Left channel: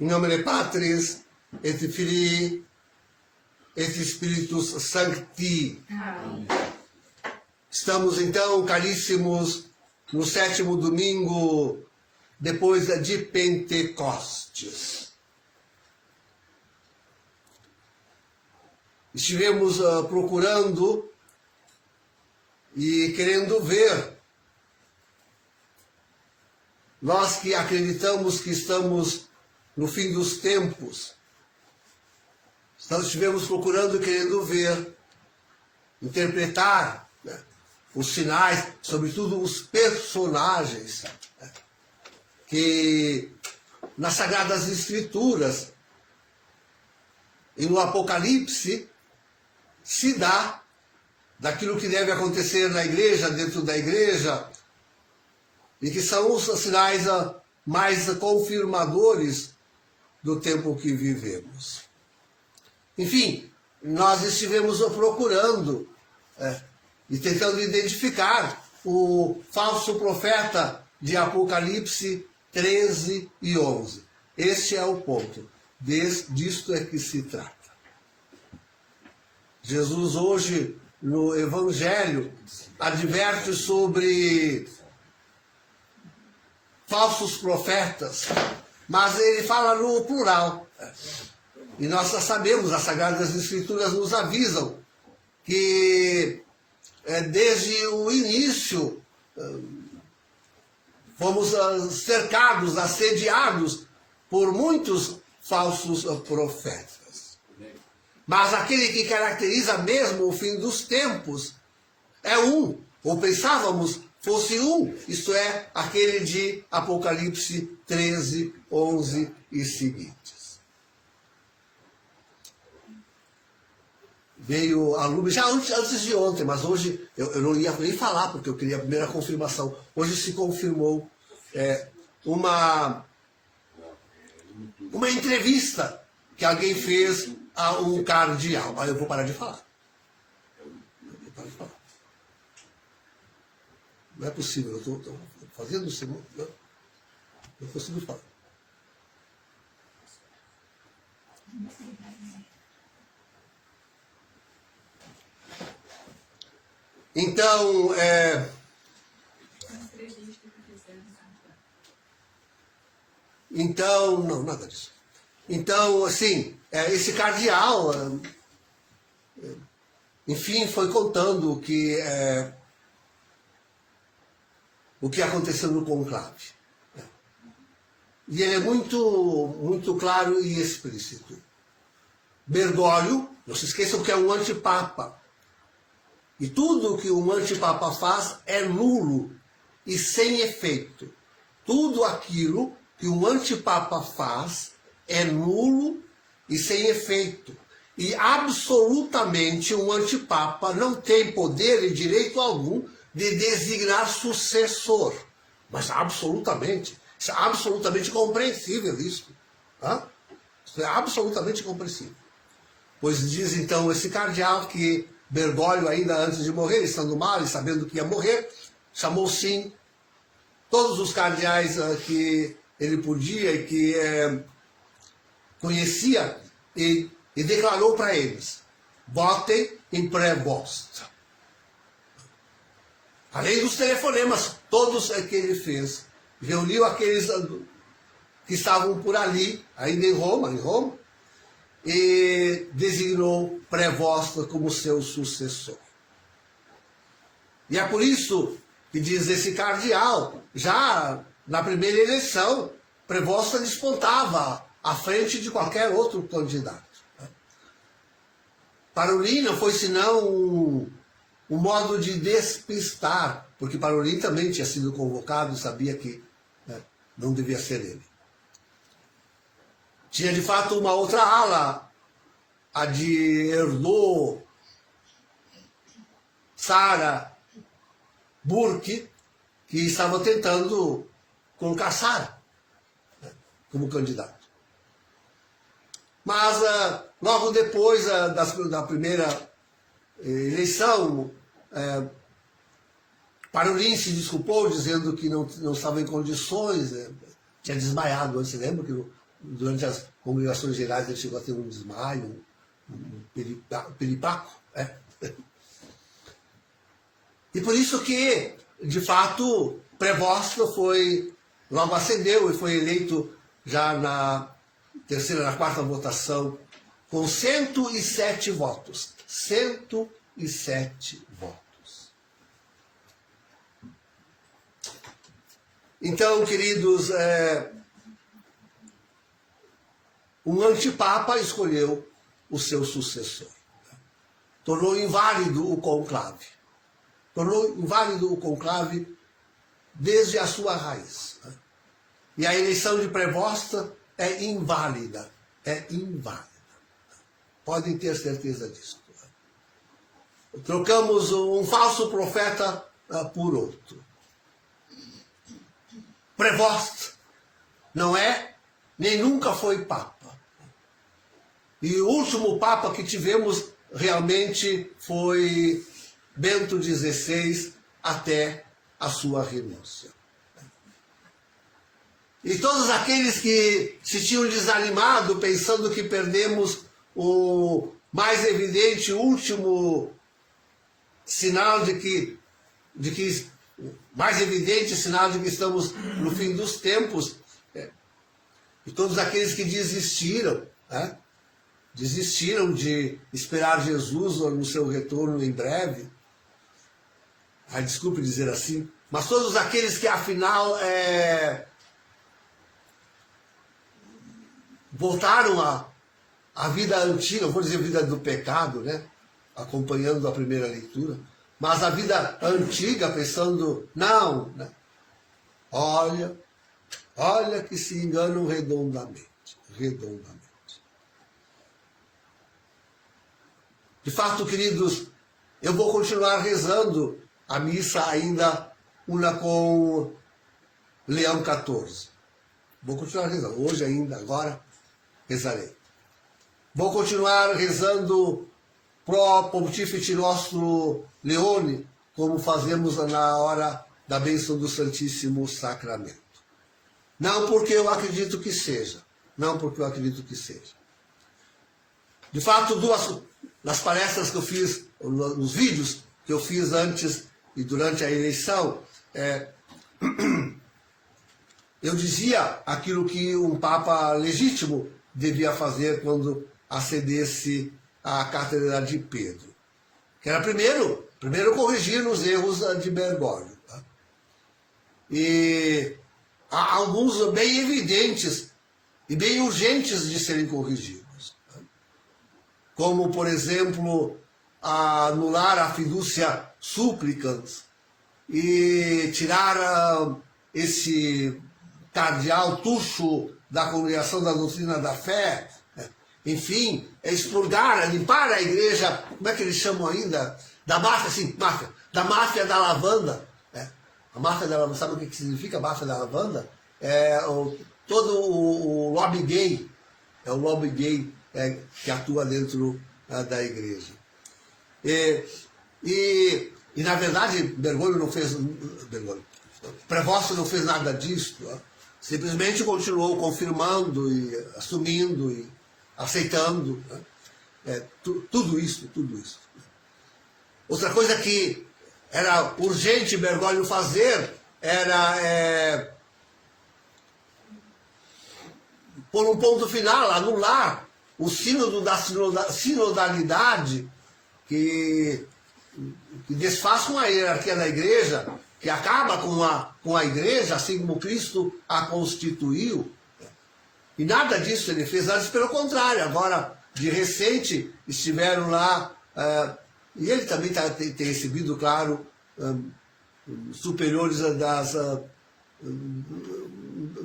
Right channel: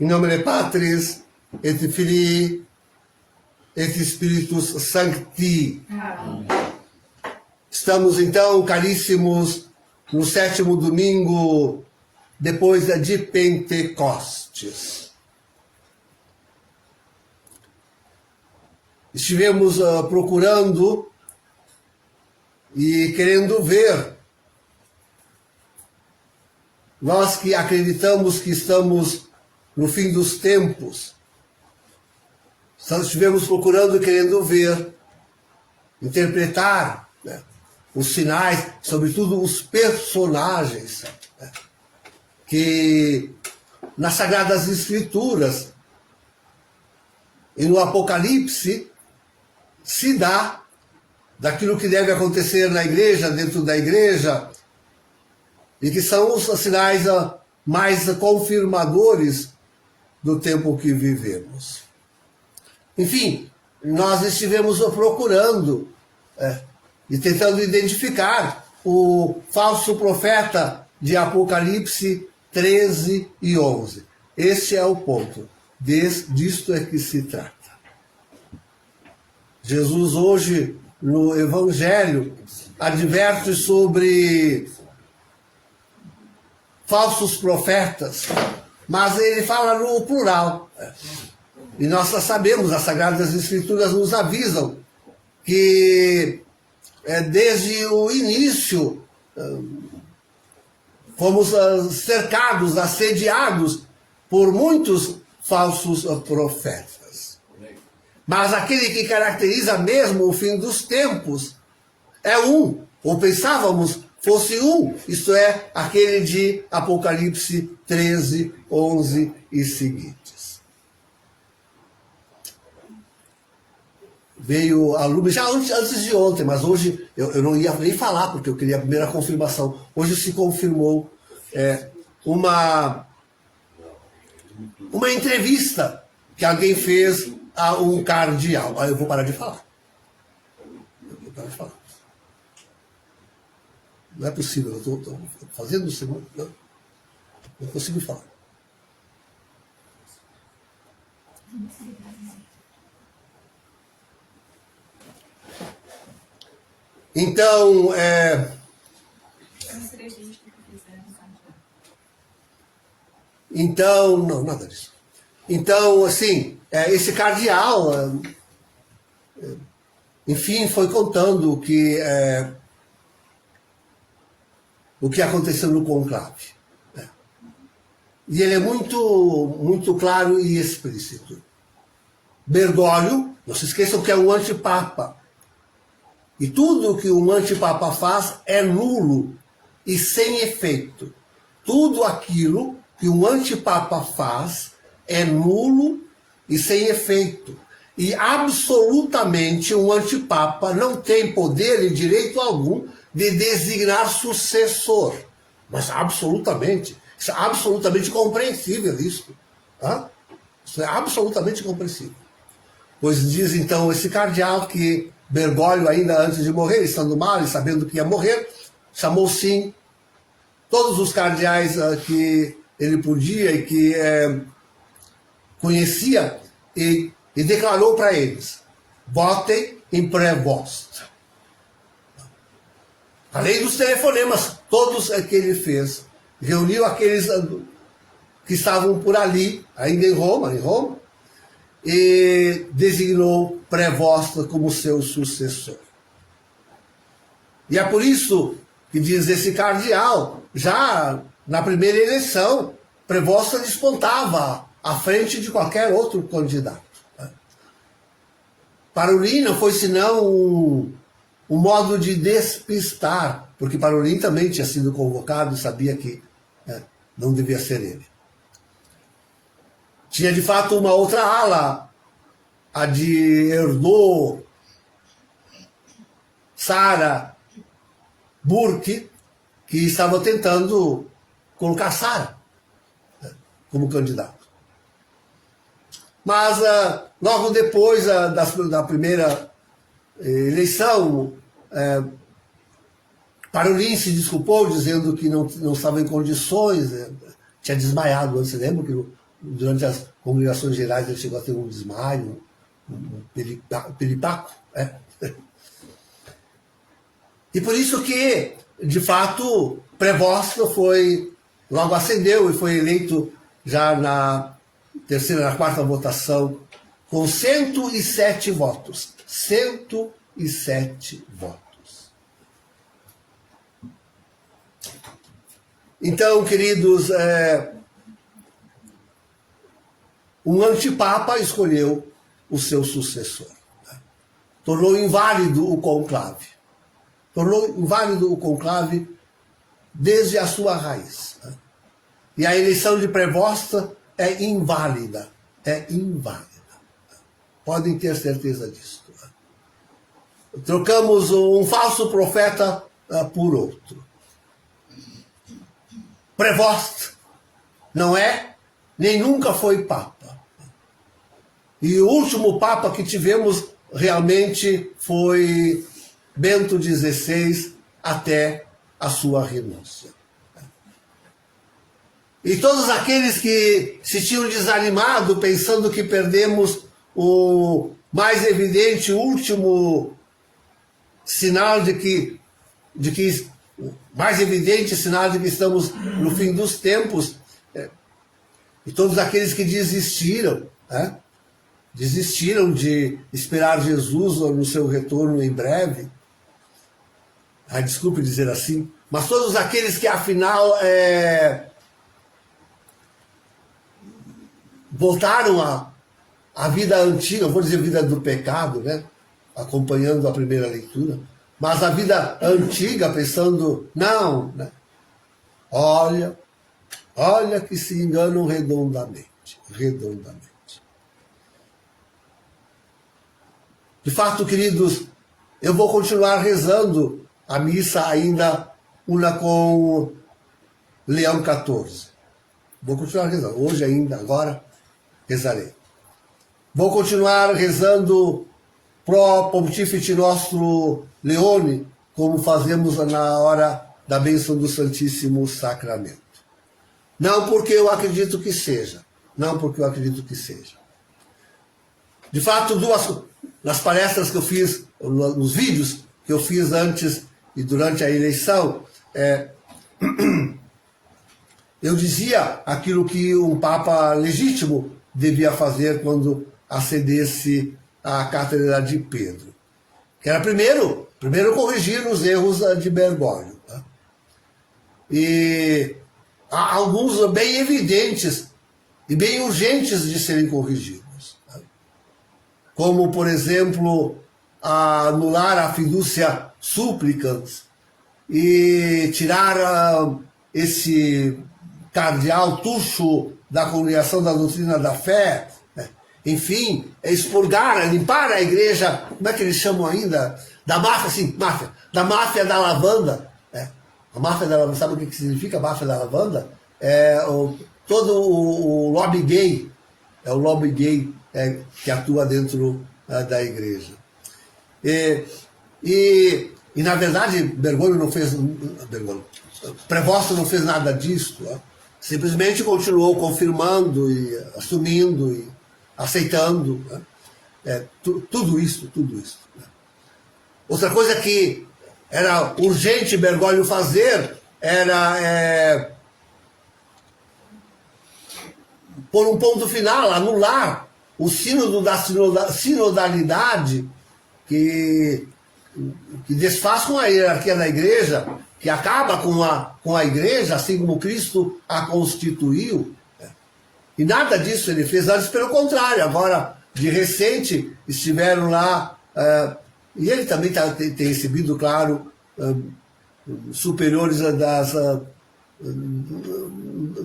Em nome de Patris, et Filii, et Spiritus Sancti. Amém. Estamos então, caríssimos, no 7º domingo depois de Pentecostes. Estivemos procurando e querendo ver, nós que acreditamos que estamos no fim dos tempos, estivemos procurando e querendo ver, interpretar, né, os sinais, sobretudo os personagens, né, que nas Sagradas Escrituras e no Apocalipse se dá daquilo que deve acontecer na igreja, dentro da igreja, e que são os sinais mais confirmadores do tempo que vivemos. Enfim, nós estivemos procurando e tentando identificar o falso profeta de Apocalipse 13 e 11. Este é o ponto. Disto é que se trata. Jesus hoje, no Evangelho, adverte sobre falsos profetas, mas ele fala no plural. E nós sabemos, as Sagradas Escrituras nos avisam que desde o início fomos cercados, assediados por muitos falsos profetas. Mas aquele que caracteriza mesmo o fim dos tempos é um, ou pensávamos fosse um, isto é, aquele de Apocalipse 13, 11 e seguintes. Veio a lume, já antes de ontem, mas hoje eu não ia nem falar, porque eu queria a primeira confirmação. Hoje se confirmou uma entrevista que alguém fez a um cardeal. Aí eu vou parar de falar. Não é possível, eu estou fazendo o segundo. Não consigo falar. Então, não, nada disso. Então, assim, esse cardeal, enfim, foi contando o que aconteceu no conclave. E ele é muito claro e explícito. Bergoglio, não se esqueçam que é um antipapa. E tudo que um antipapa faz é nulo e sem efeito. Tudo aquilo que um antipapa faz é nulo e sem efeito. E absolutamente um antipapa não tem poder e direito algum de designar sucessor. Mas absolutamente. Isso é absolutamente compreensível, isso. Tá? Isso é absolutamente compreensível. Pois diz então esse cardeal que Bergoglio, ainda antes de morrer, estando mal e sabendo que ia morrer, chamou sim todos os cardeais que ele podia e que conhecia e declarou para eles: votem em Prevost. Além dos telefonemas, todos que ele fez, reuniu aqueles que estavam por ali, ainda em Roma, e designou Prevost como seu sucessor. E é por isso que diz esse cardeal, já na primeira eleição, Prevost despontava à frente de qualquer outro candidato. Parolin não foi senão um modo de despistar, porque Parolin também tinha sido convocado e sabia que não devia ser ele. Tinha de fato uma outra ala, a de Herdot, Sarah Burke, que estava tentando colocar Sarah como candidato. Mas logo depois da primeira eleição, Parolin se desculpou, dizendo que não estava em condições, tinha desmaiado antes. Você lembra que durante as congregações gerais ele chegou a ter um desmaio, um piripaco? E por isso que, de fato, Prevost logo ascendeu e foi eleito já na terceira, na quarta votação, com 107 votos. 107 votos. Então, queridos, um antipapa escolheu o seu sucessor. Tornou inválido o conclave. Tornou inválido o conclave desde a sua raiz. E a eleição de Prevost é inválida. É inválida. Podem ter certeza disso. Trocamos um falso profeta por outro. Prevost não é, nem nunca foi papa. E o último papa que tivemos realmente foi Bento XVI, até a sua renúncia. E todos aqueles que se tinham desanimado, pensando que perdemos o mais evidente, último sinal de que mais evidente sinal de que estamos no fim dos tempos, e todos aqueles que desistiram, desistiram de esperar Jesus no seu retorno em breve, desculpe dizer assim, mas todos aqueles que afinal voltaram à vida antiga, vou dizer vida do pecado, acompanhando a primeira leitura, mas a vida antiga pensando, não, olha que se enganam redondamente. De fato, queridos, eu vou continuar rezando a missa ainda una com Leão XIV. Vou continuar rezando. Hoje ainda, agora, rezarei. Vou continuar rezando pro Pontífice Nostro Leone, como fazemos na hora da bênção do Santíssimo Sacramento. Não porque eu acredito que seja. Não porque eu acredito que seja. De fato, nas palestras que eu fiz, nos vídeos que eu fiz antes e durante a eleição, eu dizia aquilo que um Papa legítimo devia fazer quando acedesse à Cátedra de Pedro. Que era primeiro corrigir os erros de Bergoglio. E há alguns bem evidentes e bem urgentes de serem corrigidos. Como, por exemplo, anular a fiducia supplicans e tirar esse cardeal Tucho da Congregação da Doutrina da Fé, enfim, expurgar, limpar a igreja, como é que eles chamam ainda? Da máfia, da máfia da lavanda. A máfia da lavanda, sabe o que significa a máfia da lavanda? Todo o lobby gay, é o lobby gay que atua dentro da igreja. E na verdade, Prevost não fez nada disso, simplesmente continuou confirmando e assumindo e aceitando tudo isso. Outra coisa que era urgente Bergoglio fazer era pôr um ponto final, anular o sínodo da sinodalidade que desfaz com a hierarquia da igreja, que acaba com a igreja, assim como Cristo a constituiu. E nada disso ele fez, antes pelo contrário. Agora, de recente, estiveram lá, e ele também tem recebido, claro, superiores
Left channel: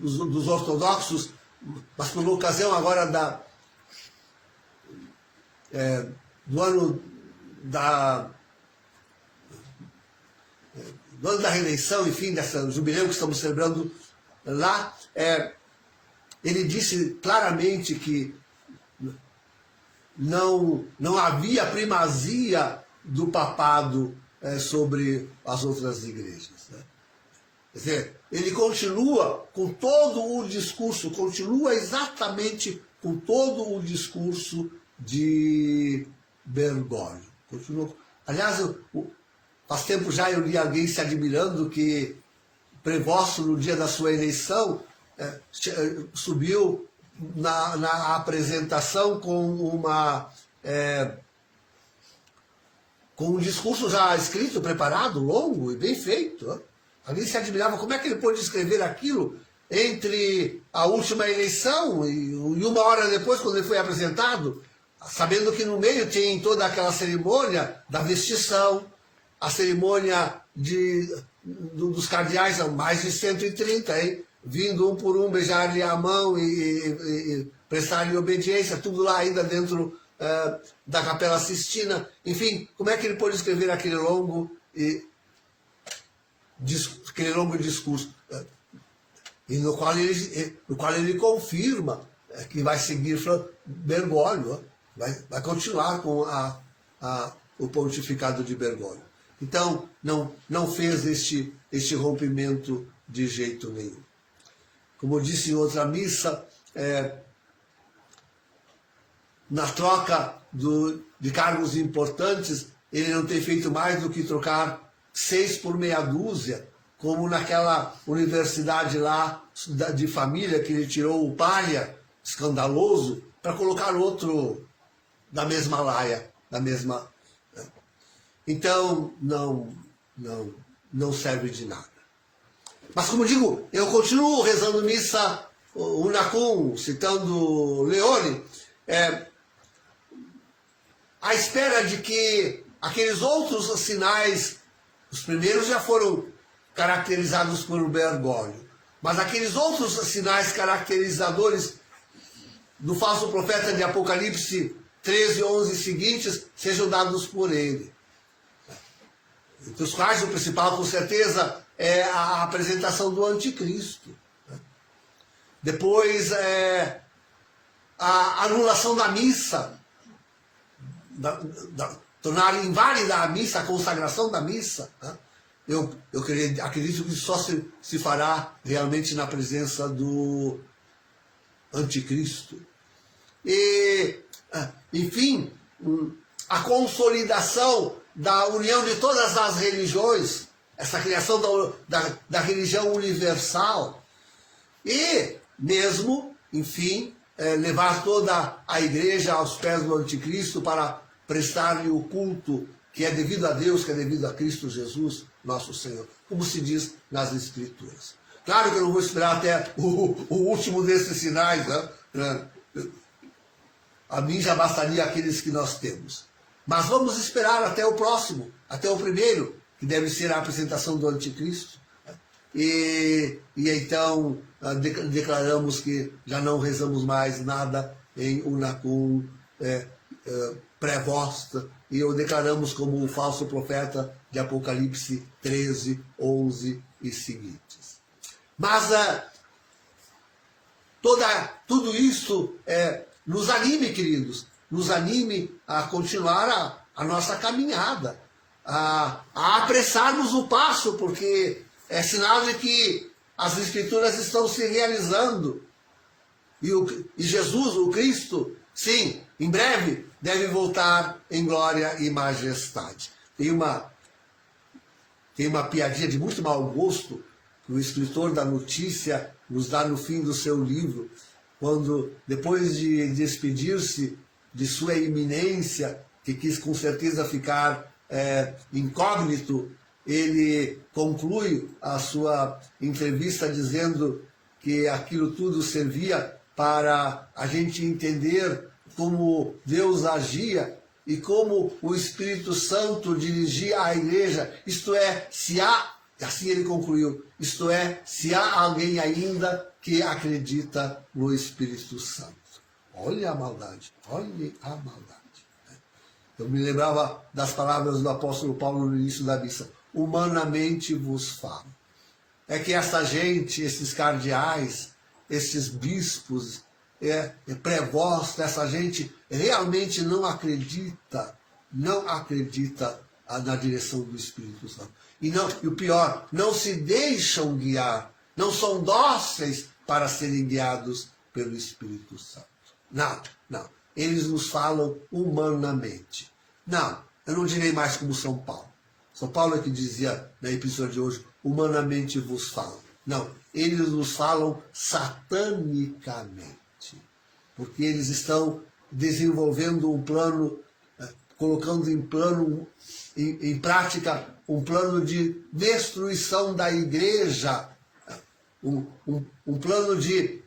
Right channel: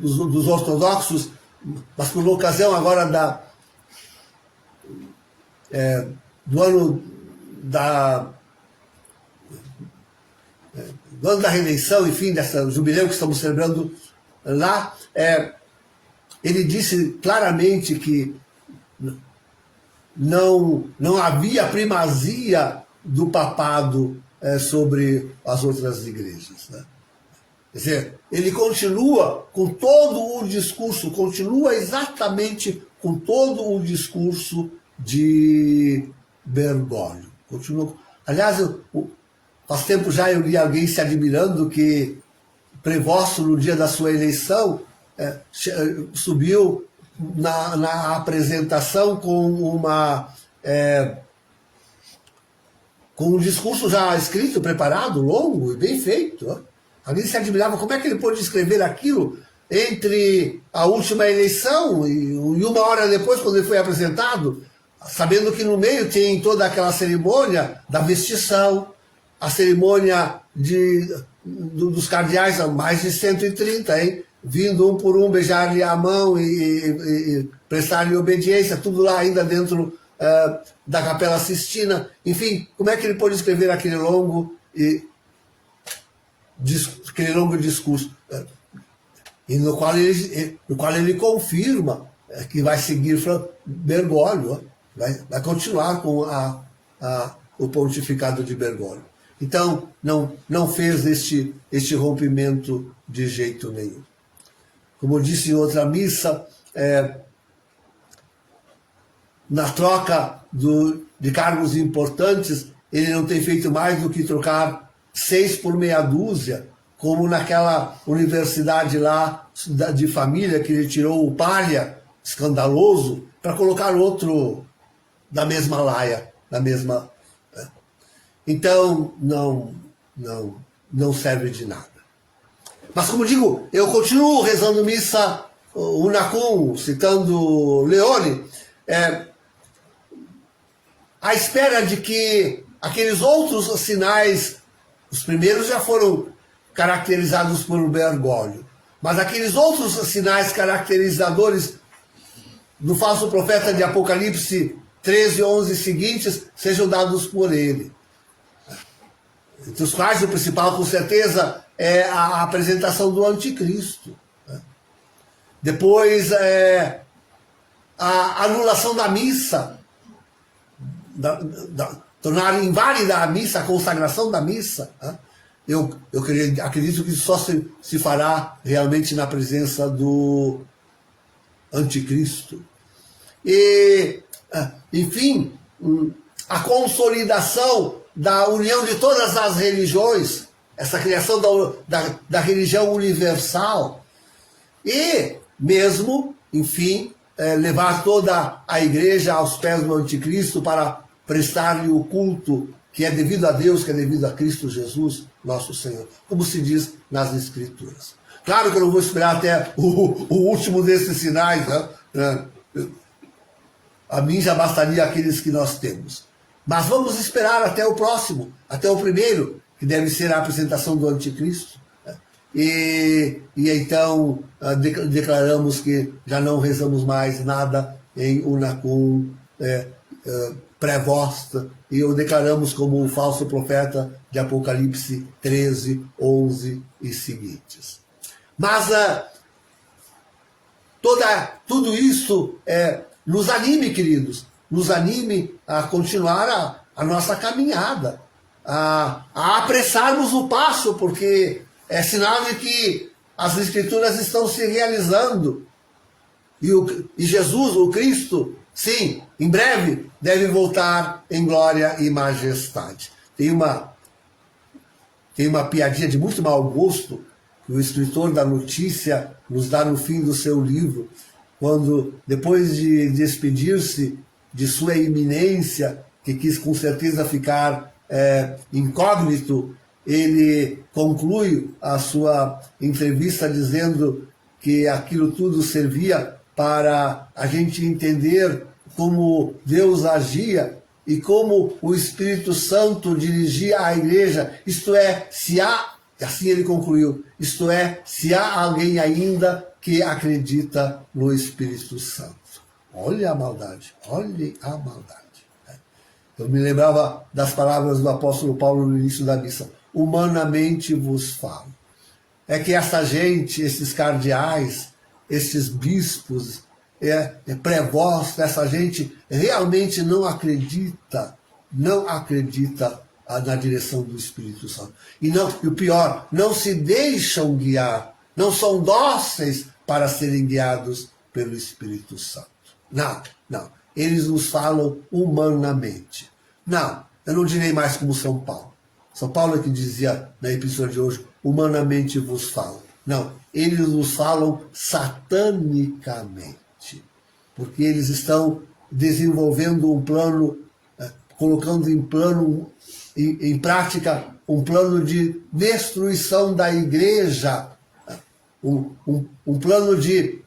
dos ortodoxos, mas por ocasião agora do ano da reeleição, enfim, dessa jubileu que estamos celebrando lá, ele disse claramente que não havia primazia do papado sobre as outras igrejas, né? Quer dizer, ele continua com todo o discurso, continua exatamente com todo o discurso de Bergoglio. Continua. Aliás, faz tempo já eu li alguém se admirando que Prevosto, no dia da sua eleição, subiu na apresentação com um discurso já escrito, preparado, longo e bem feito, né? Alguém se admirava como é que ele pôde escrever aquilo entre a última eleição e 1 hora depois, quando ele foi apresentado, sabendo que no meio tem toda aquela cerimônia da vestição, a cerimônia dos cardeais, mais de 130, hein? Vindo um por um, beijar-lhe a mão e prestar-lhe obediência, tudo lá ainda dentro da Capela Sistina. Enfim, como é que ele pôde escrever aquele longo discurso, e no qual ele confirma que vai seguir Bergoglio, vai continuar com o pontificado de Bergoglio. Então, não fez este rompimento de jeito nenhum. Como eu disse em outra missa, na troca de cargos importantes, ele não tem feito mais do que trocar 6 por meia dúzia, como naquela universidade lá de família que ele tirou o palha, escandaloso, para colocar outro da mesma laia, da mesma... Então, não serve de nada. Mas, como digo, eu continuo rezando missa Unacum, citando Leone, à espera de que aqueles outros sinais, os primeiros já foram caracterizados por Bergoglio, mas aqueles outros sinais caracterizadores do falso profeta de Apocalipse 13, 11 seguintes sejam dados por ele. Entre os quais o principal, com certeza, é a apresentação do anticristo. Depois, a anulação da missa, tornar inválida a missa, a consagração da missa. Eu acredito que isso só se fará realmente na presença do anticristo. E, enfim, a consolidação da união de todas as religiões, essa criação da religião universal, e mesmo, enfim, levar toda a igreja aos pés do anticristo para prestar-lhe o culto que é devido a Deus, que é devido a Cristo Jesus, nosso Senhor, como se diz nas Escrituras. Claro que eu não vou esperar até o último desses sinais, né? A mim já bastaria aqueles que nós temos. Mas vamos esperar até o próximo, até o primeiro, que deve ser a apresentação do anticristo. E então declaramos que já não rezamos mais nada em Unacum Prevost, e o declaramos como o falso profeta de Apocalipse 13, 11 e seguintes. Mas tudo isso nos anime, queridos, nos anime a continuar a nossa caminhada, a apressarmos o passo, porque é sinal de que as Escrituras estão se realizando. E Jesus, o Cristo, sim, em breve deve voltar em glória e majestade. Tem uma piadinha de muito mau gosto que o escritor da notícia nos dá no fim do seu livro, quando, depois de despedir-se de sua eminência, que quis com certeza ficar incógnito, ele conclui a sua entrevista dizendo que aquilo tudo servia para a gente entender como Deus agia e como o Espírito Santo dirigia a igreja, isto é, assim ele concluiu, isto é, se há alguém ainda que acredita no Espírito Santo. Olha a maldade, olhe a maldade. Eu me lembrava das palavras do apóstolo Paulo no início da missa. Humanamente vos falo. É que essa gente, esses cardeais, esses bispos, Prevost, essa gente realmente não acredita na direção do Espírito Santo. E o pior, não se deixam guiar, não são dóceis para serem guiados pelo Espírito Santo. Não. Eles nos falam humanamente. Não, eu não direi mais como São Paulo. São Paulo é que dizia na epístola de hoje, humanamente vos falo. Não, eles nos falam satanicamente. Porque eles estão desenvolvendo um plano, colocando em prática um plano de destruição da igreja, um plano de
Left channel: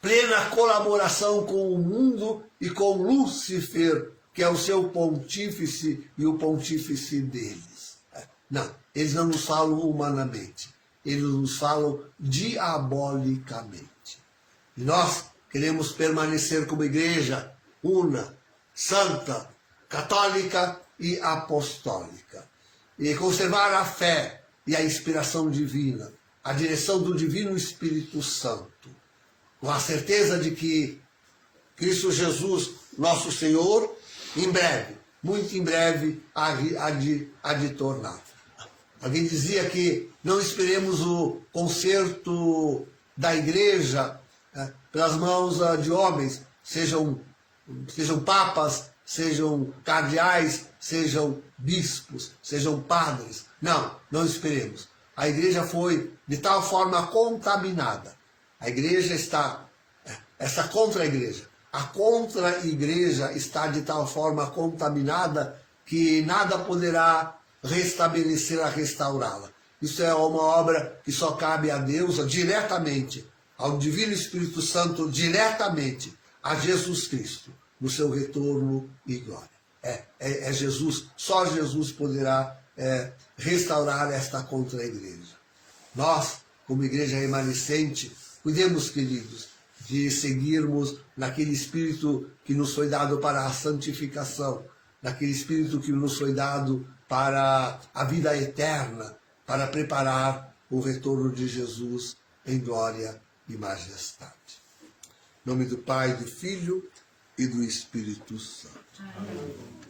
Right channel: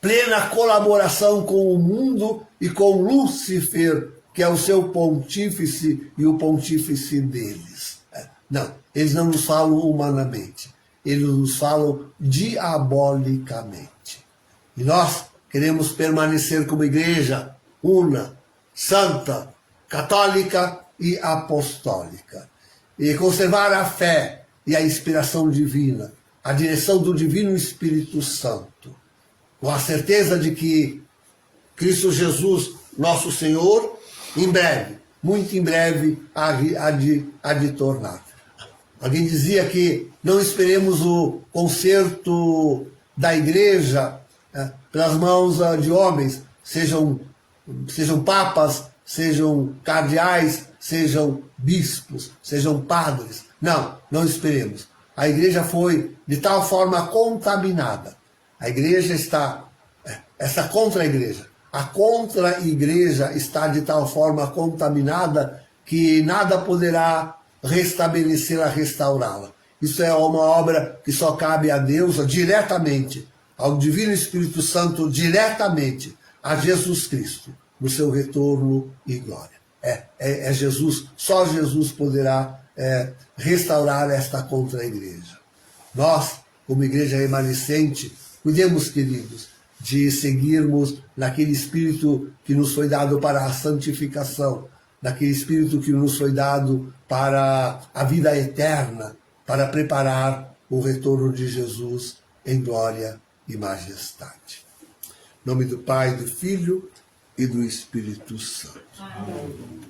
plena colaboração com o mundo e com Lúcifer, que é o seu pontífice e o pontífice deles. Não, eles não nos falam humanamente, eles nos falam diabolicamente. E nós queremos permanecer como igreja una, santa, católica e apostólica. E conservar a fé e a inspiração divina, a direção do Divino Espírito Santo, com a certeza de que Cristo Jesus, nosso Senhor, em breve, muito em breve, há de tornar. Alguém dizia que não esperemos o conserto da igreja pelas mãos de homens, sejam papas, sejam cardeais, sejam bispos, sejam padres. Não esperemos. A igreja foi de tal forma contaminada. A igreja está, essa contra-igreja, a contra-igreja está de tal forma contaminada que nada poderá restabelecê-la, restaurá-la. Isso é uma obra que só cabe a Deus diretamente, ao Divino Espírito Santo diretamente, a Jesus Cristo, no seu retorno e glória. É Jesus, só Jesus poderá restaurar esta contra-igreja. Nós, como igreja remanescente, cuidemos, queridos, de seguirmos naquele Espírito que nos foi dado para a santificação, naquele Espírito que nos foi dado para a vida eterna, para preparar o retorno de Jesus em glória e majestade. Em nome do Pai, do Filho e do Espírito Santo. Amém.